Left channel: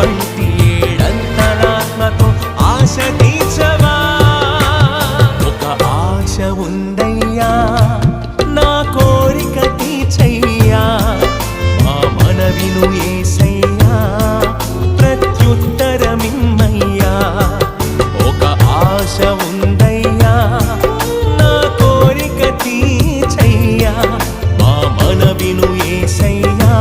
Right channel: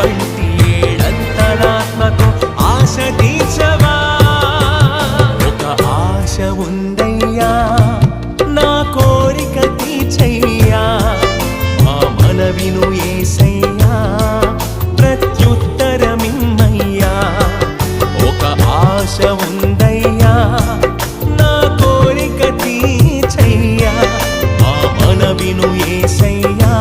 వంటి ఏడంతరాత్మకు ఆశ తీర్చవా. ఒక ఆశ ఉందయ్యా నా కోరిక తీర్చయ్యా, మా మనవిను యేసయ్యా ప్రత్యుత్తరమిమ్మయ్యా. ఒక ఆశ ఉందయ్యా నా కోరిక తీర్చయ్యా, మా మనవిను యేసయ్యా